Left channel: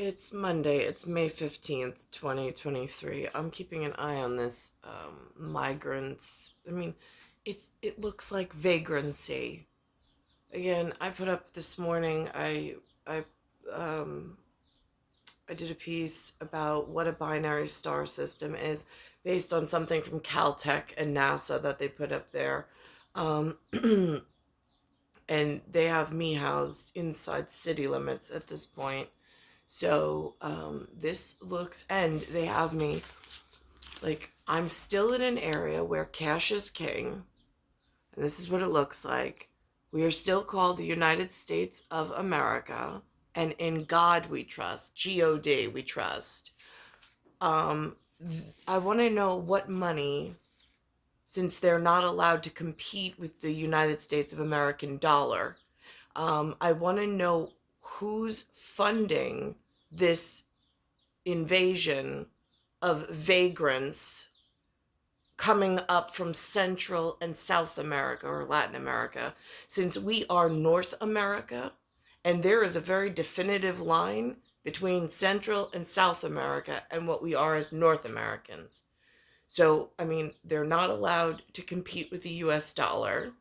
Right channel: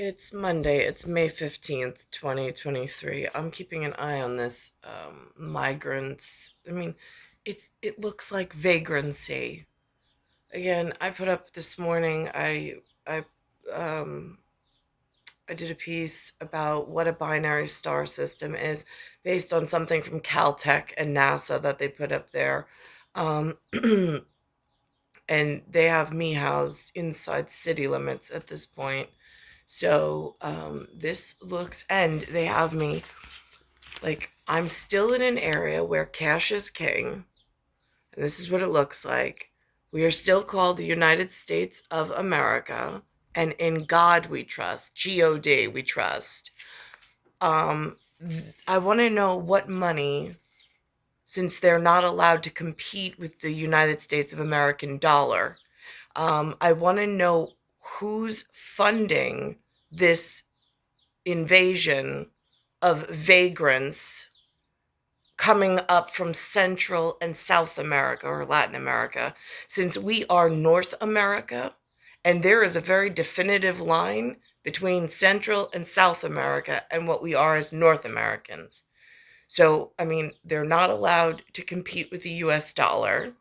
It's Monday. It's May 15th, 2023. I'm keeping an eye on this migrants. It looks like vagrancy. Again, I put up this morning I um I did a piece about what a binary star system is based on something from Caltech and NASA that they put up there. Um and they have me housed inside city limits at this point. So this looks, and they have me like I'm still in an area where cash is king, and this is what it looks like. We are still called the United States of America, and in God we trust. God we trust. I want to know what money, since they're not allowed to compete with the United States of American dollar. I want to know who's funding this invasion of vagrants coming up from Central and South America or Latin America, since we are North America, and there is a very definitive line between Central and South America and what we are as North Americans. So, they're not allowed to compete with the US dollar.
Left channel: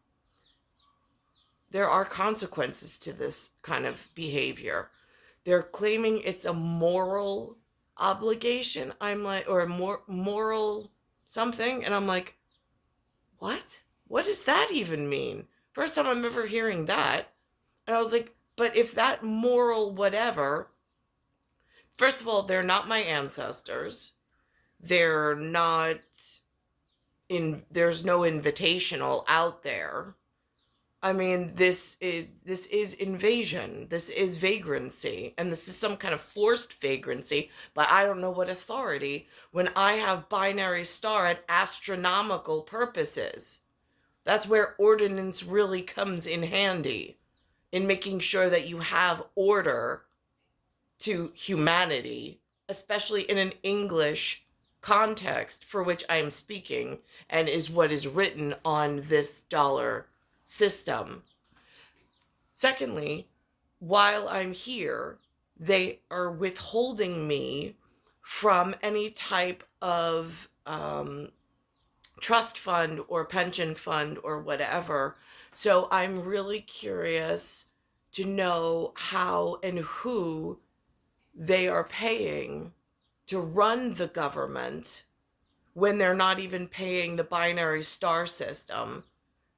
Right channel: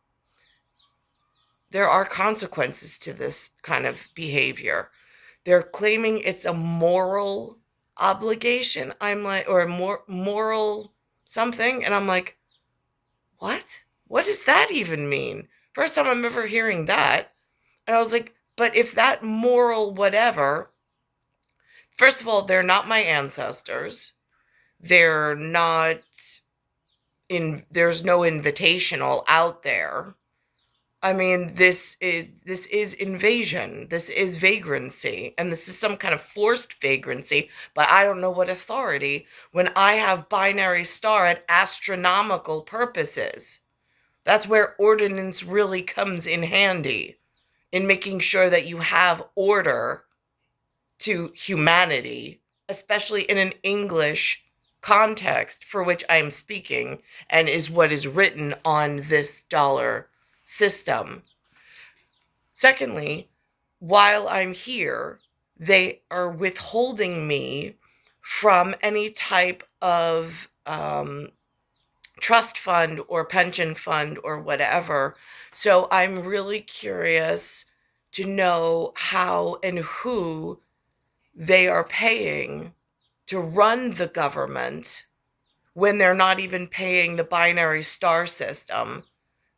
There are consequences to this kind of behavior. They're claiming it's a moral obligation. I'm like, or a moral something. And I'm like, what? What does that even mean? First time I'm ever hearing that. And I was like, but if that moral whatever, first of all, they're not my ancestors. They're not there's no invitational out there. This is invasion. This is vagrancy, and this is some kind of forced vagrancy, but I don't know what authority when I have binary star at astronomical purposes. That's where ordinance really comes in handy in making sure that you have order to humanity, especially in an English context for which I am speaking and is what is written on this dollar system. Secondly, while I'm here, they are withholding me from any type of trust fund or pension fund or whatever. So I'm really curious to know how and who they are paying to run the government when they're not even paying the binary star system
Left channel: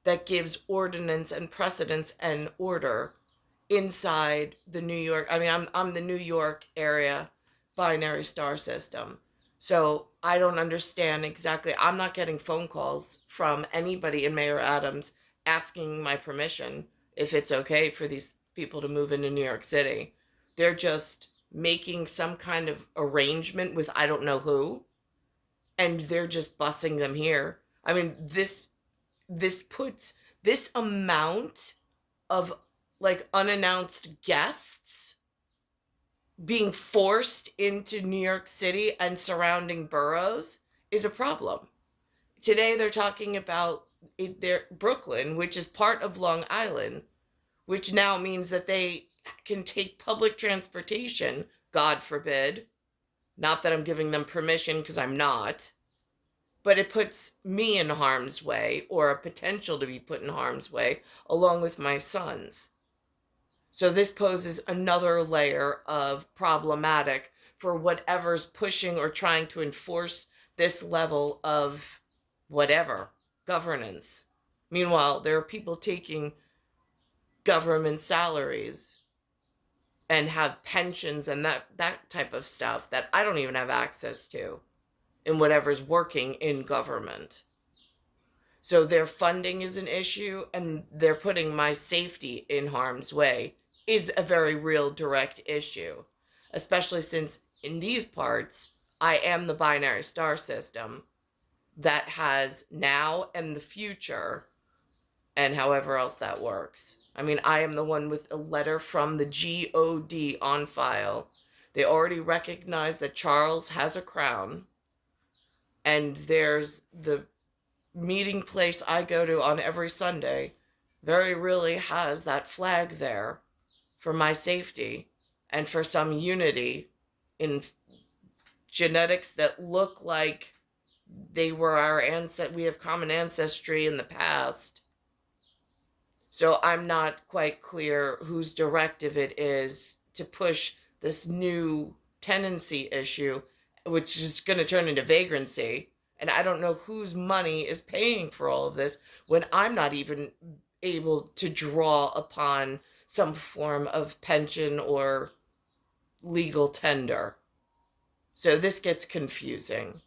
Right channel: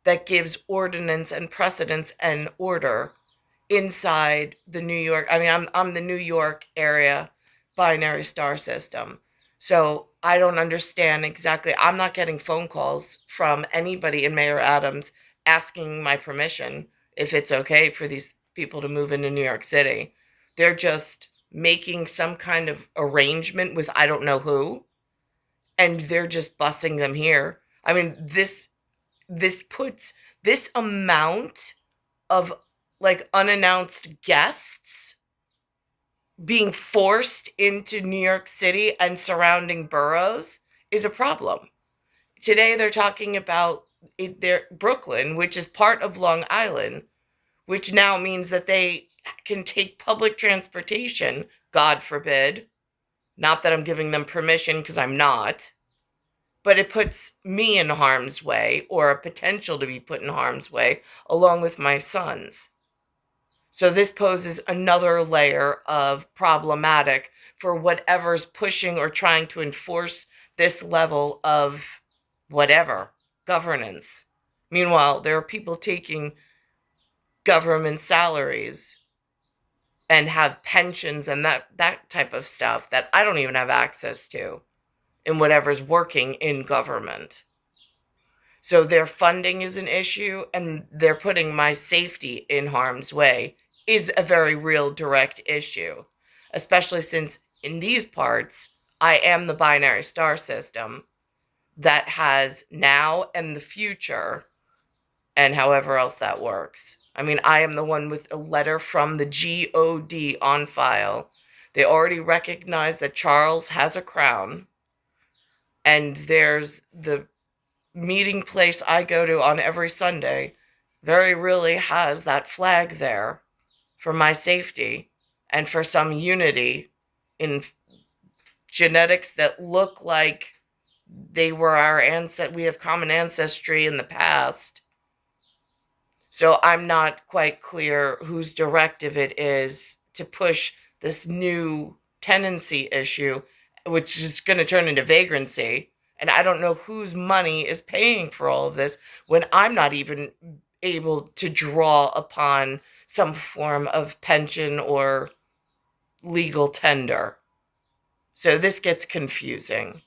that gives ordinance and precedence and order inside the New York. I'm the New York area binary star system. So I don't understand exactly. I'm not getting phone calls from anybody in Mayor Adams asking my permission if it's okay for these people to move into New York City. They're just making some kind of arrangement with I don't know who, and they're just busing them here. This puts this amount of like unannounced guests being forced into New York City and surrounding boroughs is a problem. Today they're talking about Brooklyn, which is part of Long Island, which now means that they can take public transportation, God forbid. Not that I'm giving them permission, because I'm not. But it puts me in harm's way, or a potential to be put in harm's way, along with my sons. So this poses another layer of problematic for whatever's pushing or trying to enforce this level of whatever governance. Meanwhile, there are people taking government salaries and have pensions and that type of stuff that I don't even have access to in whatever's working in government. So their funding is an issue, and they're putting my safety in harm's way is a very real direct issue, especially since in these parts, I am the binary star system that has now and the future, and however else that works. I am the one with a letter from the God on file. They already recognize that Charles has a crown, and there's the meeting place I go to on every Sunday very really has that flag there for my safety. and for some unity in genetics that look like they were our ancestors. We have common ancestry in the past. So I'm not quite clear whose directive it is to push this new tenancy issue, which is going to turn into vagrancy. And I don't know whose money is paying for all of this when I'm not even able to draw upon some form of pension or legal tender. So this gets confusing.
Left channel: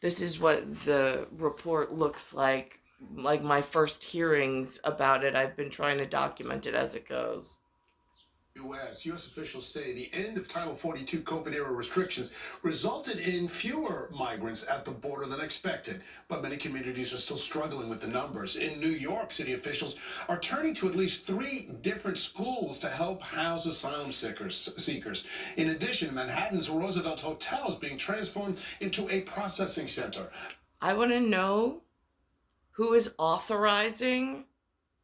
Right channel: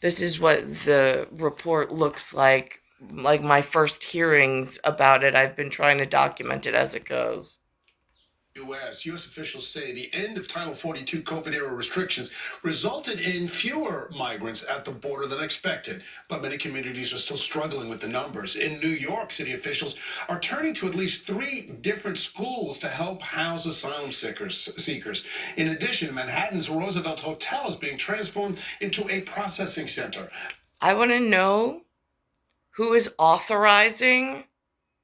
This is what the report looks like my first hearings about it. I've been trying to document it as it goes. U.S. officials say the end of Title 42 COVID-era restrictions resulted in fewer migrants at the border than expected, but many communities are still struggling with the numbers. In New York, city officials are turning to at least 3 different schools to help house asylum seekers. In addition, Manhattan's Roosevelt Hotel is being transformed into a processing center. I want to know who is authorizing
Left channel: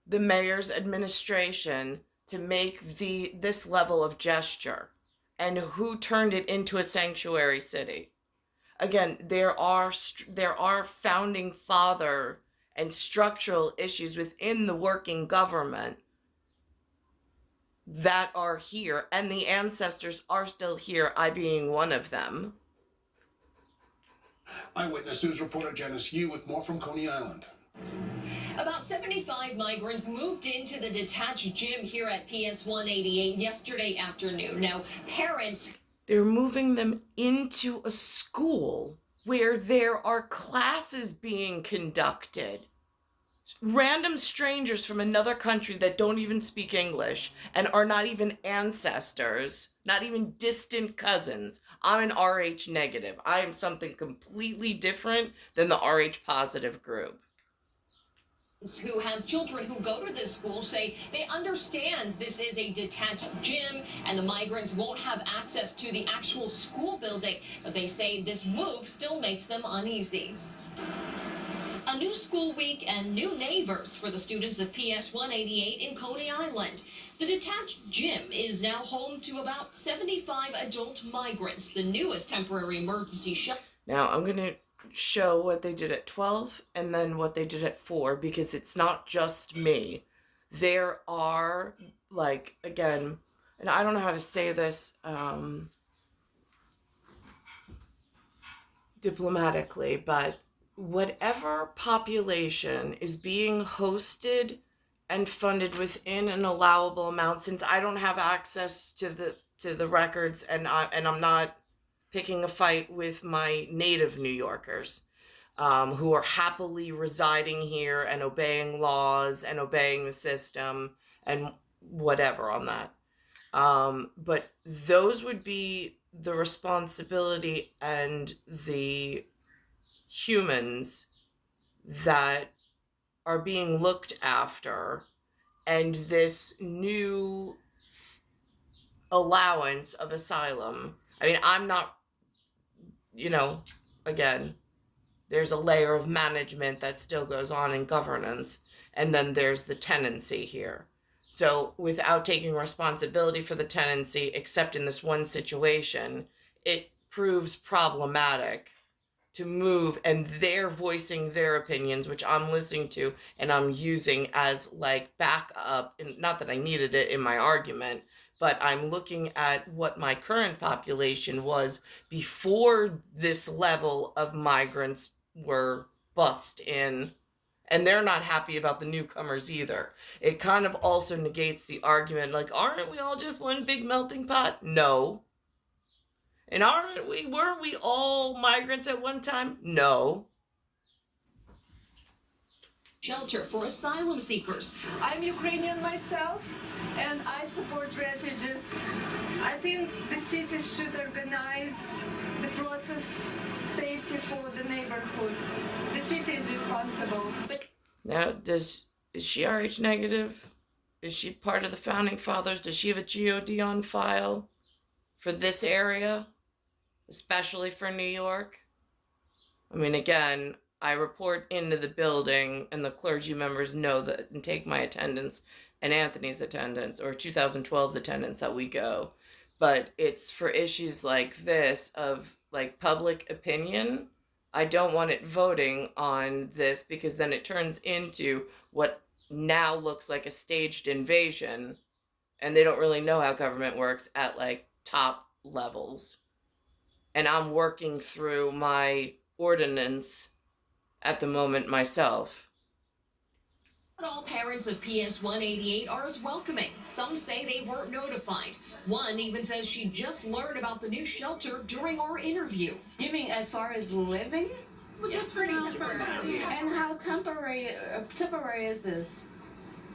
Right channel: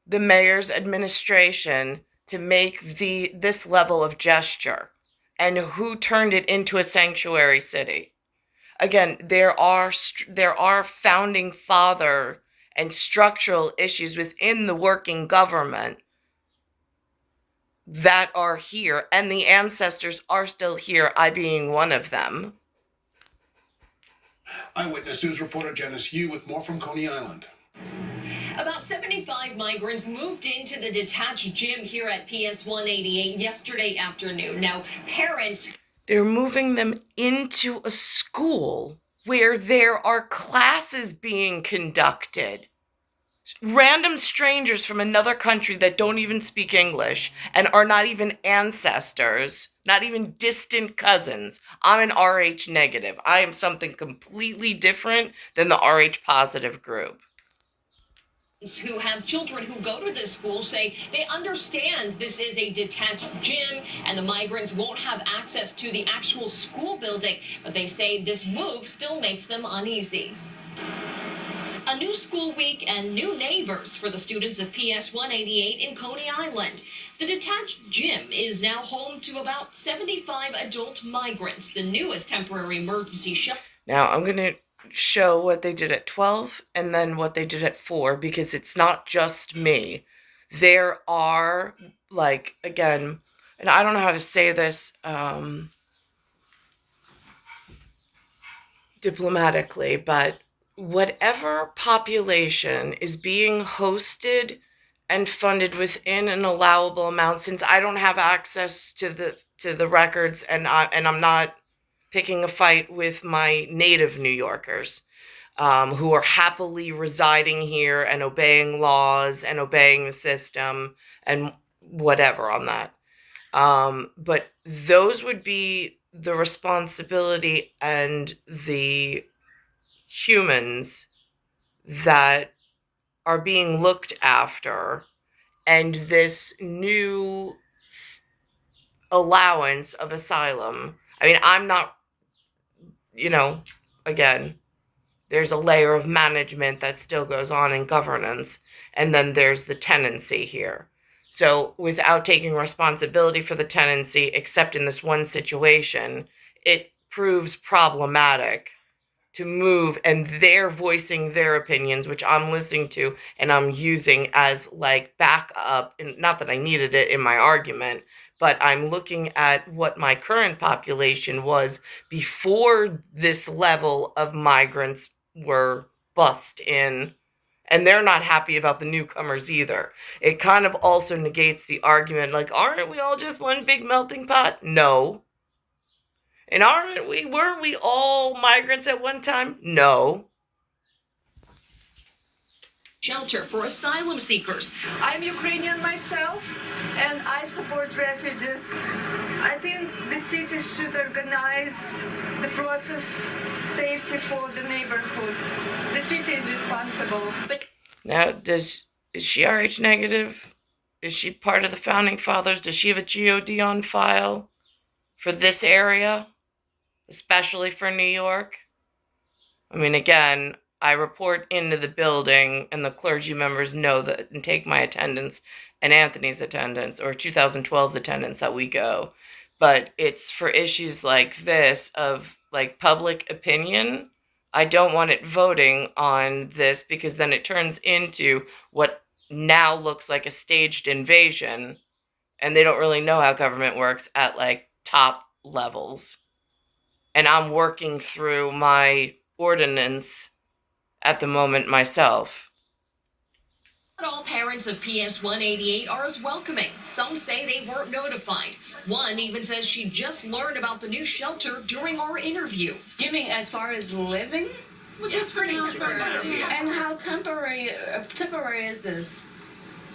the mayor's administration to make this level of gesture, and who turned it into a sanctuary city. Again, there are founding father and structural issues within the working government that are here, and the ancestors are still here, I being one of them. Eyewitness News reporter Janice Yu with more from Coney Island. About 75 migrants moved into the detached gym here at PS 188 yesterday afternoon. Now, parents... They're moving them into a school where there are classes being conducted. Random strangers from another country that don't even speak English and are not even ancestors, not even distant cousins. I'm an RH negative. I am something completely different than the RH positive group. Who have children who go to this school say they understand this is a detached gym and the migrants won't have access to the actual school building, but they say this move still makes them uneasy. A new school week and new neighbors for the students of PS 188 in Coney Island. The detached gym is now home to about 75 adult migrants, the newest temporary emergency shelter. Now I'm going to show what they did at 12 and then what they did at 4, because it's not just me. There are, like, again, and I don't know how to say this diplomatically, but whatever population is being hosted and funded within an allowable amount, since I don't have access to the records, and I'm not picking a fight with my native New Yorkers, who are happily residing here and obeying laws and obeying the system and whatever on that. But those would be the responsibility and the humans that are being looked after, and this new allowance of asylum. I mean, I'm not, again, there's a layer of management that still goes on in governance, and then there's the tenancy here. So without taking responsibility for the tenancy, except in this one situation, it proves problematic to move, and they're voicing their opinions, which I'm listening to and I'm using as like backup, and not that I needed it in my argument, but I'm looking at what my current population was before this level of migrants were bussed in, and they're not happy about the newcomers either. It kind of also negates the argument, like, aren't we all just one big melting pot? No. And weren't we all migrants at one time? No. Shelter for asylum seekers. I'm Ukrainian myself, and I support refugees. I think the city should organize the process safety for the neighborhood. The city is responsible. Now, is she RH negative? Is she part of the founding fathers? Does she have a GOD on file for this area, especially for New York? I mean, again, I report into the building, and the clergy members know that and take my attendance, and Anthony's attendance or 2012's attendance that we go. But it's for issues like this of like public opinion. I don't want it voting on this because then it turns into what now looks like a staged invasion, and they don't really know how government works at like top levels. And I'm working through my ordinance at the moment myself. Not all parents of PS 188 are as welcoming. Some say they weren't notified. One even says she just learned about the new shelter during our interview. You mean as far as living? Well, just pretty temporary. And how temporary is this?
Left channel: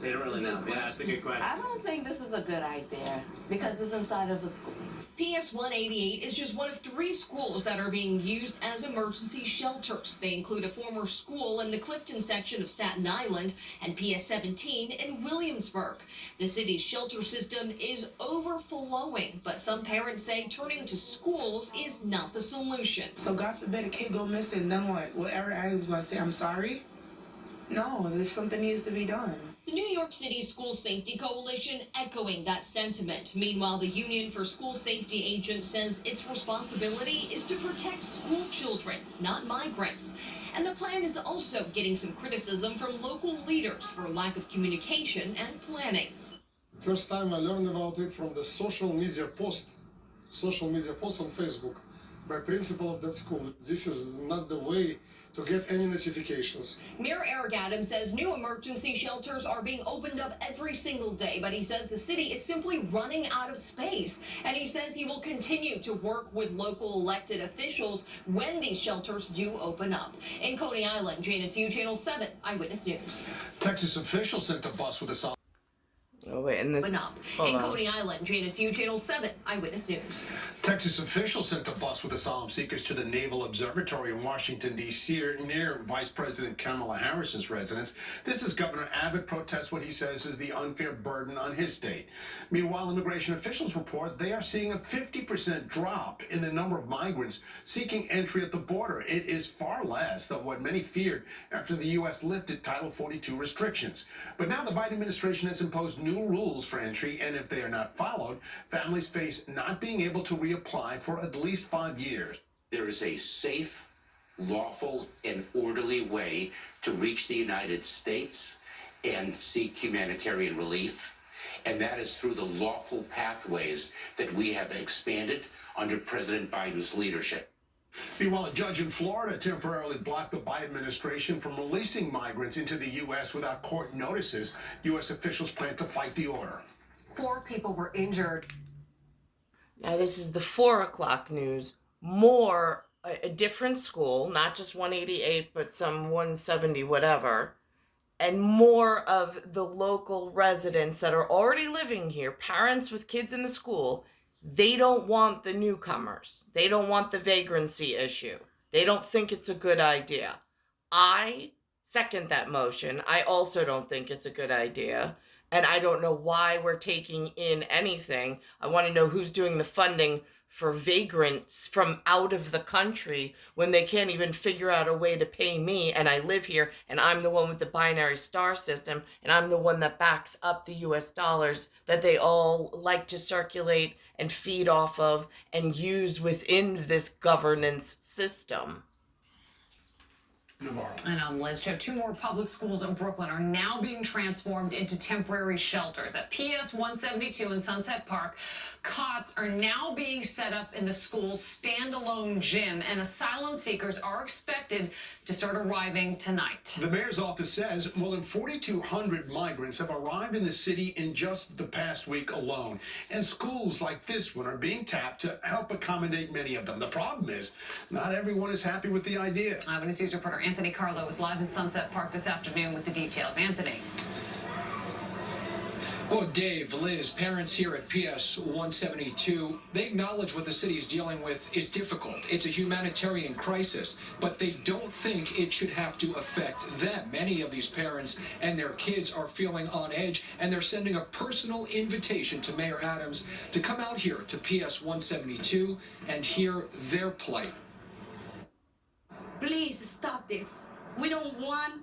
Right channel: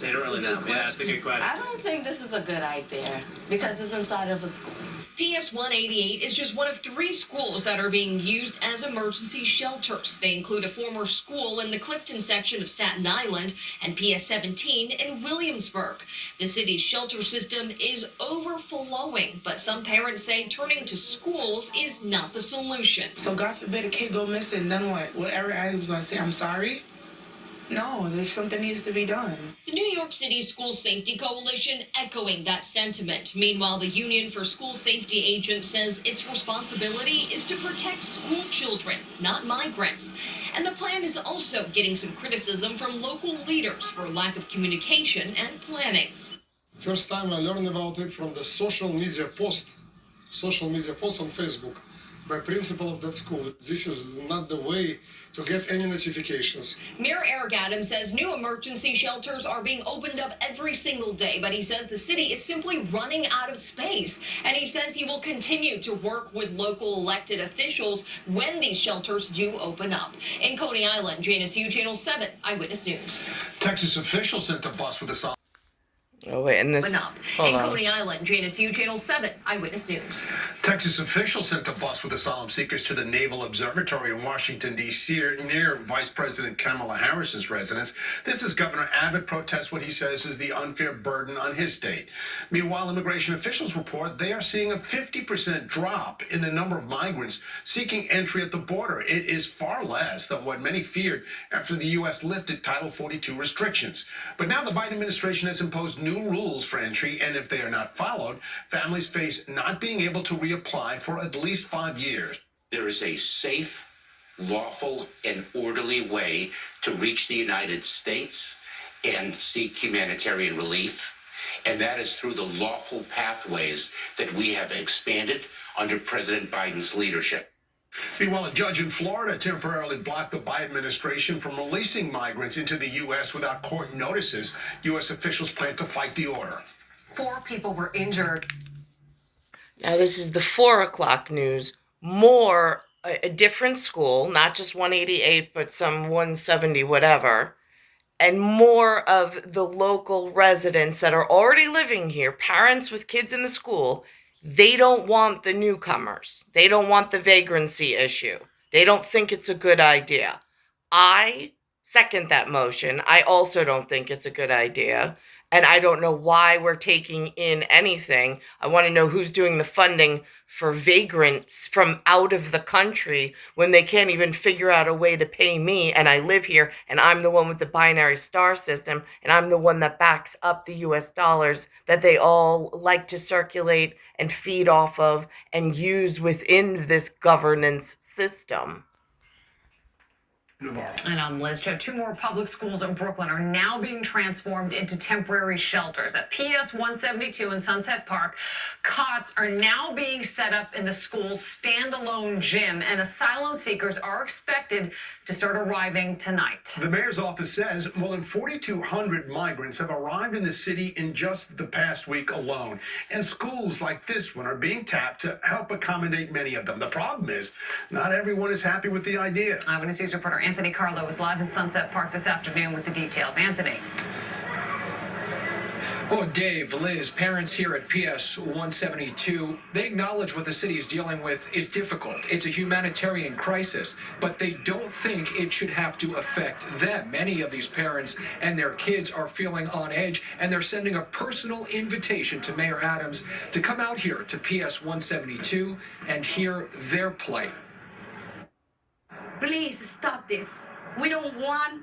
They don't really know. Yeah, that's a good question. I don't think this is a good idea because it's inside of a school. PS 188 is just one of 3 schools that are being used as emergency shelters. They include a former school in the Clifton section of Staten Island and PS 17 in Williamsburg. The city's shelter system is overflowing, but some parents say turning to schools is not the solution. So God forbid a kid go missing, then what? What everybody was going to say, I'm sorry? No, there's something needs to be done. The New York City School Safety Coalition echoing that sentiment. Meanwhile, the Union for School Safety Agents says its responsibility is to protect school children, not migrants. And the plan is also getting some criticism from local leaders for lack of communication and planning. First time I learned about it from the social media post on Facebook by principal of that school. This is not the way to get any notifications. Mayor Eric Adams says new emergency shelters are being opened up every single day, but he says the city is simply running out of space. And he says he will continue to work with local elected officials when these shelters do open up. In Coney Island, Janice Yu, Channel 7 Eyewitness News. Texas officials sent a bus with a Oh wait, and this. In Coney Island, Janice Yu, Channel 7 Eyewitness News. Texas officials sent a bus with asylum seekers to the Naval Observatory in Washington, D.C., near Vice President Kamala Harris's residence. This is Governor Abbott protests what he says is the unfair burden on his state. Meanwhile, immigration officials report they are seeing a 50% drop in the number of migrants seeking entry at the border. It is far less than what many feared after the U.S. lifted Title 42 restrictions. But now the Biden administration has imposed new rules for entry, and if they are not followed, families face not being able to reapply for at least 5 years. There is a safe, lawful, and orderly way to reach the United States and seek humanitarian relief, and that is through the lawful pathways that we have expanded under President Biden's leadership. Meanwhile, a judge in Florida temporarily blocked the Biden administration from releasing migrants into the U.S. without court notices. U.S. officials plan to fight the order. 4 people were injured. Now this is the 4 o'clock news. More, a different school, not just 188, but some 170 whatever. And more of the local residents that are already living here, parents with kids in the school, they don't want the newcomers. They don't want the vagrancy issue. They don't think it's a good idea. I second that motion. I also don't think it's a good idea. And I don't know why we're taking in anything. I want to know who's doing the funding for vagrants from out of the country when they can't even figure out a way to pay me, and I live here, and I'm the one with the binary star system, and I'm the one that backs up the US dollars that they all like to circulate and feed off of and use within this governance system. And I'm Liz. 2 more public schools in Brooklyn are now being transformed into temporary shelters. At PS 172 in Sunset Park, cots are now being set up in the school's standalone gym, and asylum seekers are expected to start arriving tonight. The mayor's office says more than 4,200 migrants have arrived in the city in just the past week alone. And schools like this one are being tapped to help accommodate many of them. The problem is, not everyone is happy with the idea. Eyewitness News reporter Anthony Carlo is live in Sunset Park this afternoon with the details. Anthony. Oh, Dave, Liz, parents here at PS 172, they acknowledge what the city is dealing with is difficult. It's a humanitarian crisis, but they don't think it should have to affect them. Many of these parents and their kids are feeling on edge, and they're sending a personal invitation to Mayor Adams to come out here to PS 172 and hear their plight. Please stop this. We don't want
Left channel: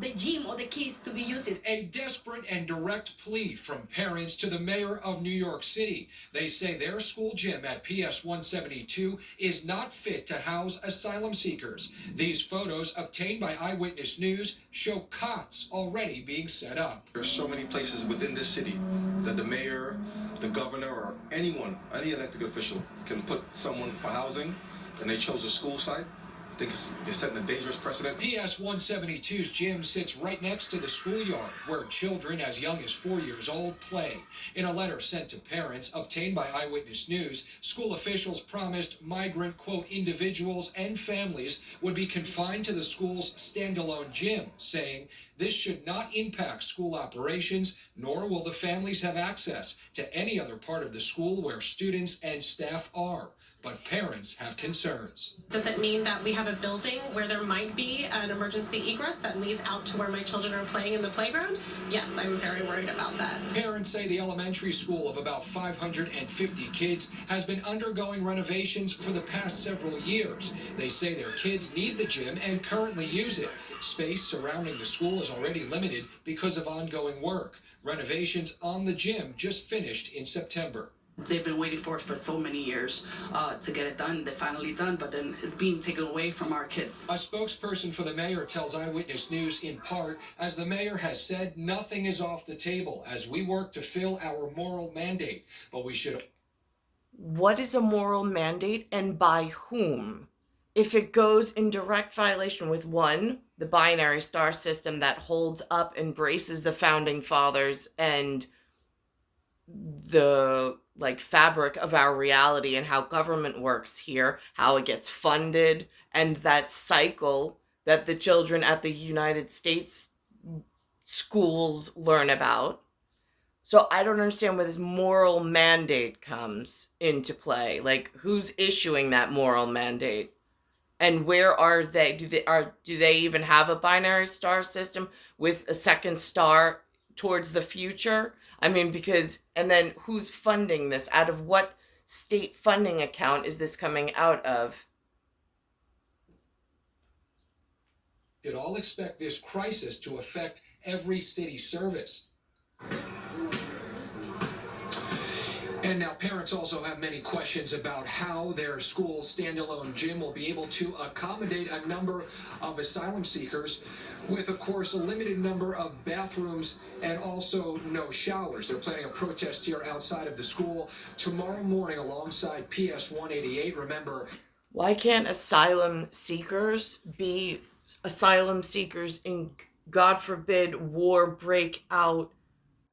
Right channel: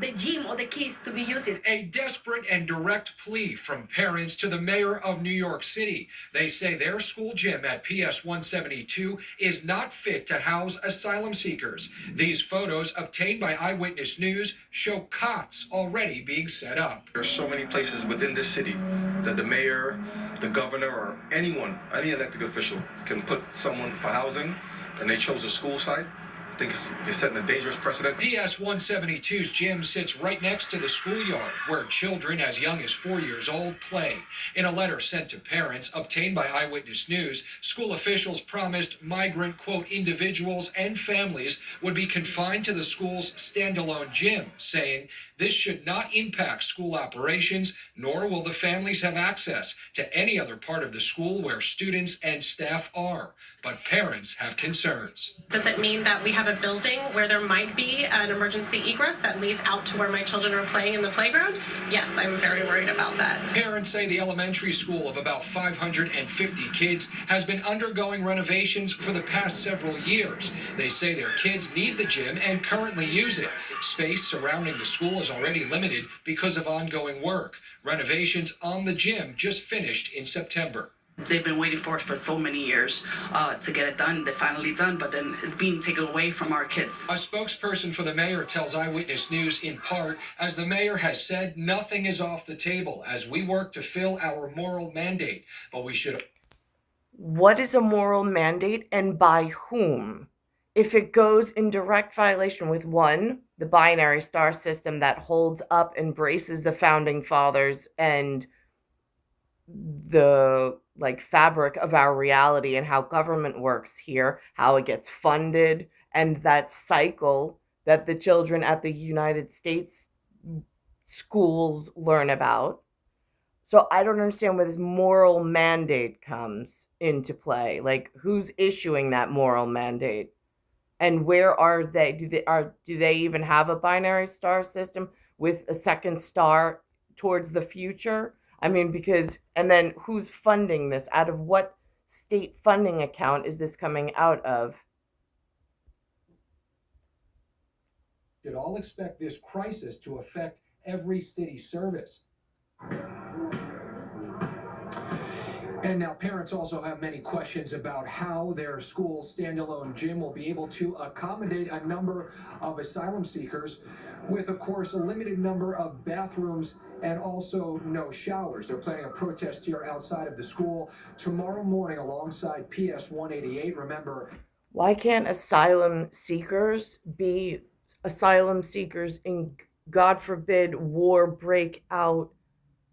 the gym or the kids to be using. A desperate and direct plea from parents to the mayor of New York City. They say their school gym at PS 172 is not fit to house asylum seekers. These photos obtained by Eyewitness News show cots already being set up. There's so many places within this city that the mayor, the governor, or anyone, any elected official can put someone for housing, and they chose a school site. I think it's setting a dangerous precedent. PS 172's gym sits right next to the schoolyard where children as young as 4 years old play. In a letter sent to parents obtained by Eyewitness News, school officials promised migrant, quote, individuals and families would be confined to the school's standalone gym, saying this should not impact school operations, nor will the families have access to any other part of the school where students and staff are. But parents have concerns. Does it mean that we have a building where there might be an emergency egress that leads out to where my children are playing in the playground? Yes, I'm very worried about that. Parents say the elementary school of about 550 kids has been undergoing renovations for the past several years. They say their kids need the gym and currently use it. Space surrounding the school is already limited because of ongoing work. Renovations on the gym just finished in September. They've been waiting for it for so many years to get it done. They're finally done, but then it's being taken away from our kids. A spokesperson for the mayor tells Eyewitness News in part, as the mayor has said, nothing is off the table as we work to fill our moral mandate. But we should... What is a moral mandate and by whom? If it goes in direct violation with one, the binary star system that holds up and braces the founding fathers and the fabric of our reality and how government works here, how it gets funded, and that cycle that the children at the United States schools learn about. So I don't understand where this moral mandate comes into play. Like, who's issuing that moral mandate? And where are they? Do they even have a binary star system with a second star towards the future? I mean, and then who's funding this? Out of what state funding account is this coming out of? Should all expect this crisis to affect every city service. And now parents also have many questions about how their school standalone gym will be able to accommodate a number of asylum seekers with, of course, a limited number of bathrooms and also no showers. They're planning a protest here outside of the school tomorrow morning alongside PS 188. Remember, why can't asylum seekers be asylum seekers in, God forbid, war break out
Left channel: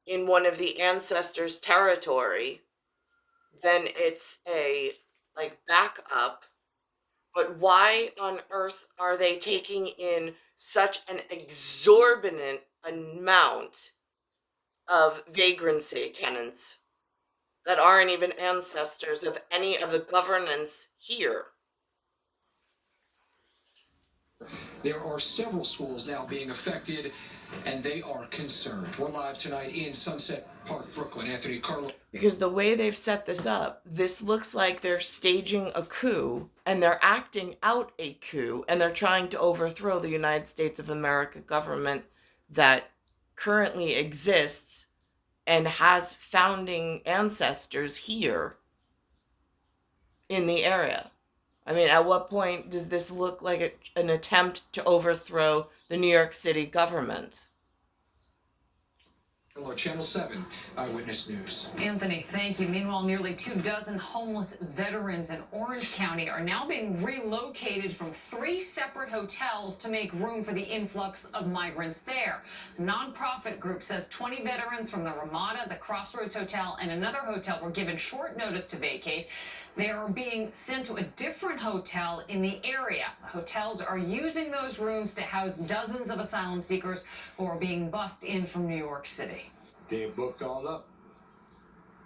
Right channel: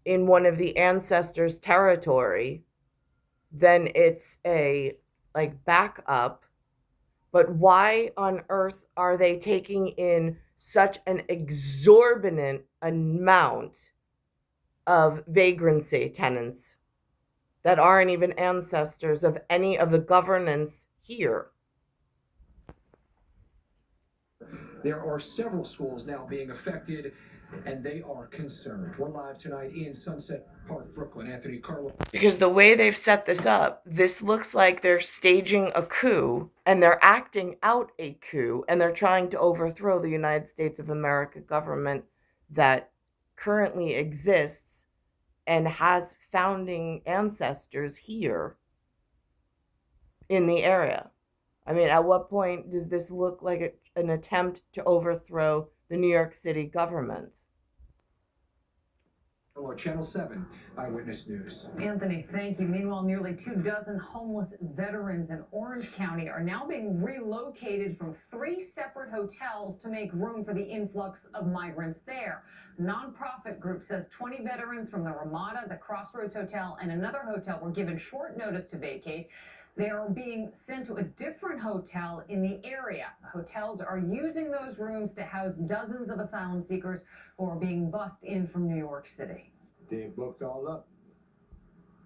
in one of the ancestors' territory? Then it's a backup. But why on earth are they taking in such an exorbitant amount of vagrancy tenants that aren't even ancestors of any of the governance here? There are several schools now being affected, and they are concerned. We're live tonight in Sunset Park, Brooklyn. Anthony Carlo. Because the way they've set this up, this looks like they're staging a coup, and they're acting out a coup, and they're trying to overthrow the United States of America government that currently exists and has founding ancestors here in the area. I mean, at what point does this look like an attempt to overthrow the New York City government? Hello, Channel 7 Eyewitness News. Anthony, thank you. Meanwhile, nearly 24 homeless veterans in Orange County are now being relocated from 3 separate hotels to make room for the influx of migrants there. A nonprofit group says 20 veterans from the Ramada, the Crossroads Hotel, and another hotel were given short notice to vacate. They are being sent to a different hotel in the area. The hotels are using those rooms to house dozens of asylum seekers who are being bussed in from New York City. They're booked all up.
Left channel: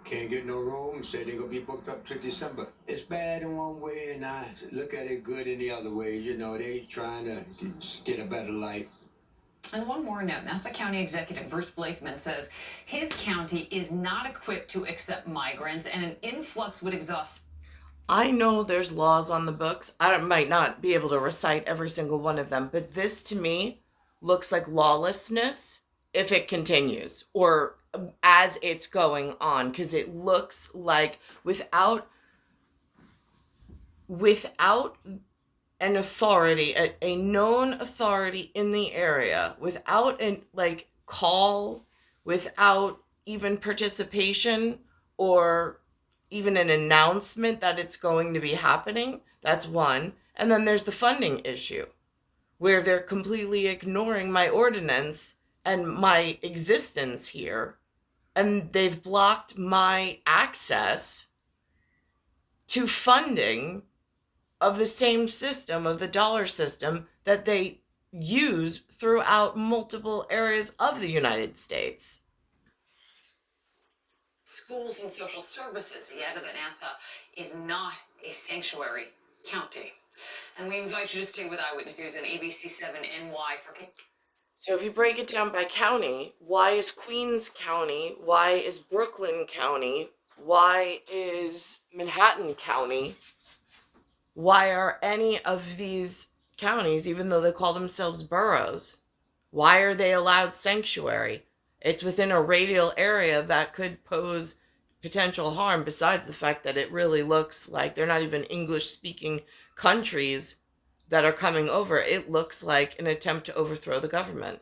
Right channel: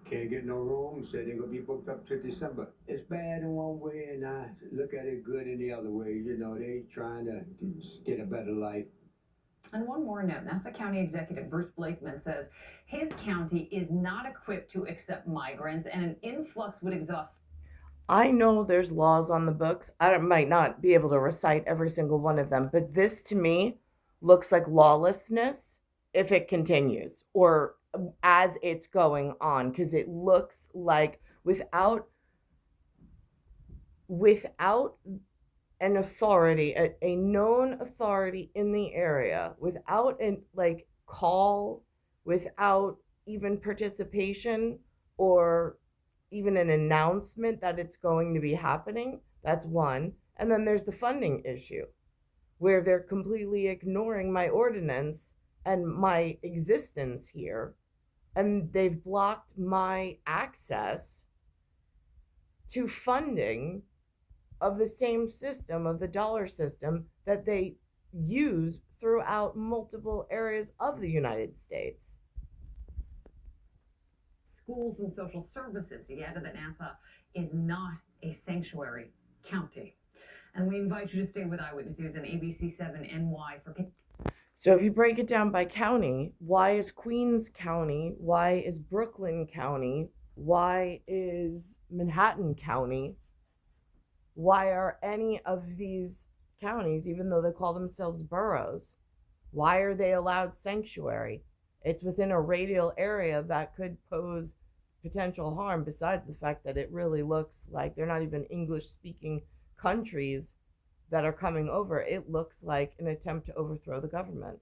Can't get no room. Say they're going to be booked up to December. It's bad in one way, and I look at it good in the other way. You know, they trying to get a better life. And one more note, Nassau County Executive Bruce Blakeman says his county is not equipped to accept migrants, and an influx would exhaust. I know there's laws on the books. I might not be able to recite every single one of them, but this to me looks like lawlessness if it continues or as it's going on, because it looks like without an authority, a known authority in the area, without an like call, without even participation or even an announcement that it's going to be happening. That's one. And then there's the funding issue where they're completely ignoring my ordinance and my existence here, and they've blocked my access to funding of the same system, of the dollar system that they use throughout multiple areas of the United States. Schools and social services. He added that NASA is not a sanctuary county. And we invite you to stay with Eyewitness News and ABC7NY for. So if you break it down by county, why is Queens County? Why is Brooklyn County? Why is Manhattan County? Why are any of these counties, even though they call themselves boroughs, why are they allowed sanctuary? It's within a radial area that could pose potential harm, besides the fact that it really looks like they're not even English speaking countries that are coming over. It looks like an attempt to overthrow the government.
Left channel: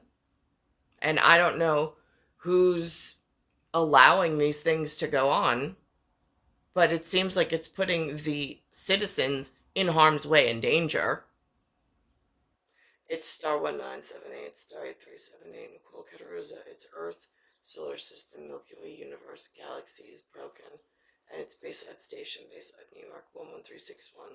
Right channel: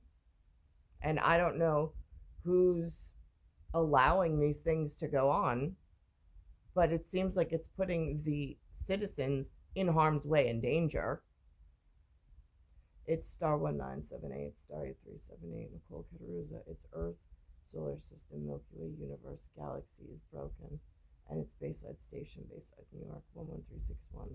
And I don't know who's allowing these things to go on, but it seems like it's putting the citizens in harm's way and danger. It's star 1978, star 8378, Nicole, Cattaruzza. It's Earth, solar system, Milky Way, universe, galaxies, broken. And it's Bayside Station, Bayside, New York, 11361.